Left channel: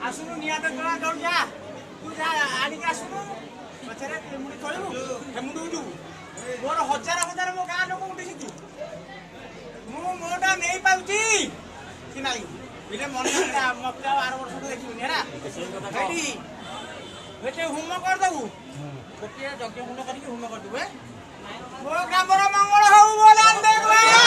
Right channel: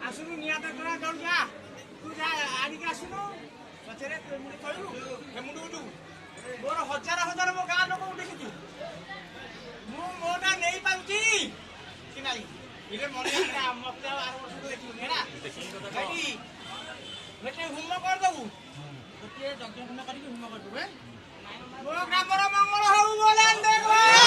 आसुनु निया तो गला दौड़ जा तू जा आनी के आसुनु पछरे मुंडी तळु हे मुंडी उडु मोर हजार हजार मो गां लोक उठी सितु मु मोटा नै पाउची कि नाही इले मने मक्का 12 वर्ष को देखि नेरा रेडी बेटे हुम कर दउ बेटे जग हुम करी हुम कर दउ मो ग्रामर मंगल हउ बोलान देखो